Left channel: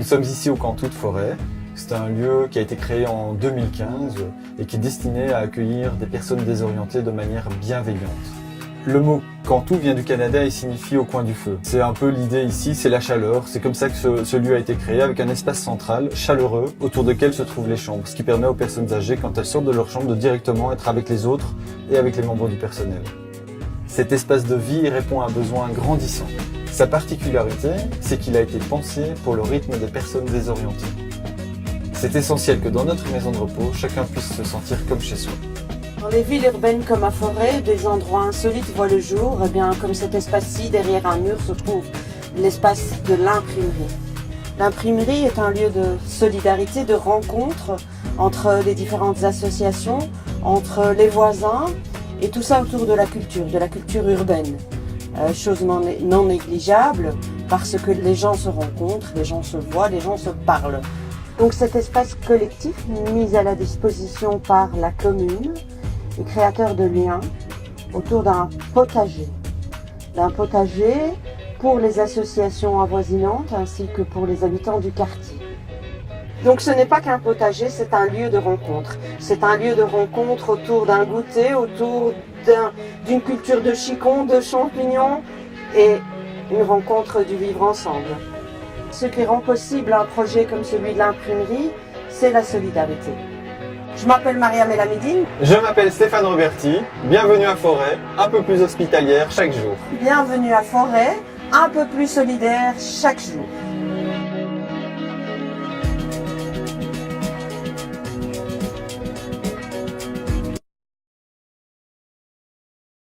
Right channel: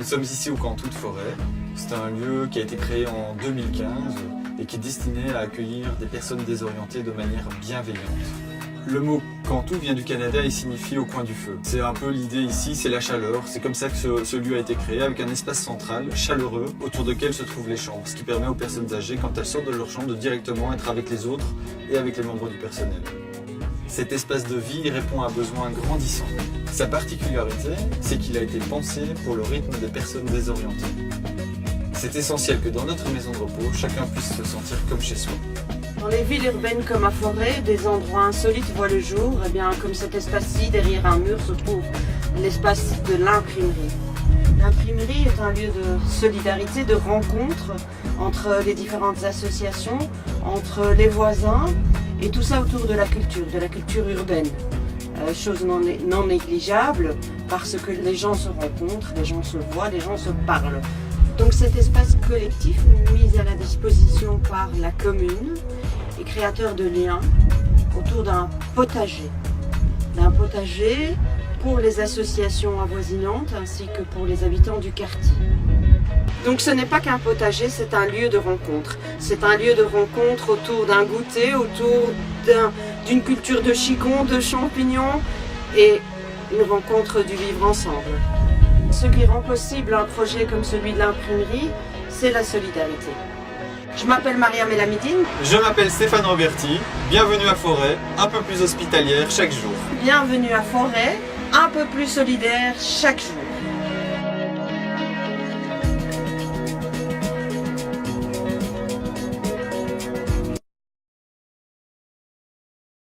Nous sommes ici au Cantou de Forêt. C'est un lieu qui a été créé en 2015 et qui est destiné à accueillir des personnes désorientées de manière bienveillante. Le mot Cantou vient du Canada et signifie au coin du feu. C'est un peu l'idée ici, c'est la chaleur. C'est comme ça que ce lieu a été créé, avec un espace central, chaleureux, autour duquel se trouvent les chambres, ce qui permet aux personnes âgées, quand elles sortent de leur chambre, de directement être avec les autres et avec les membres du personnel. Cet espace de vie répond à un besoin grandissant. Sa particularité, c'est qu'il a été pensé pour le rythme des personnes désorientées. C'est essentiel que dans notre maison de repos, chacun puisse se sentir comme chez soi. Dans les villes urbaines comme à Forêt, des endroits insolites voient le jour. Et bien, comme cet espace-ci, derrière un mur se trouve l'espace de l'imprimerie. L'imprimerie est un lieu de solidarité, de rencontre entre les différentes associations, entre les voisins, et tout ça autour de la culture urbaine. Chose non négligeable, parce que les gens se rencontrent, les gens se voient, les gens se parlent. Donc cet espace collectif mis à la disposition par la commune est créateur de liens autour d'un potager pour les associations avoisinantes ainsi que pour les habitants du quartier. Donc ce n'est pas qu'un potager, c'est un lieu de rencontre. C'est un lieu de rencontre autour d'un goûter, autour d'une culture de chicons, de champignons et une rencontre du vivre ensemble. Ce qui rend possible un projet comme celui de l'imprimerie, c'est la solidarité. Je m'appelle Mariam Elamidine. Je m'appelle Stéphane Roberti. Bienvenue à Forêt, un peu plus hospitalière chaque jour. Bienvenue à Forêt, un peu plus solidaire chaque jour.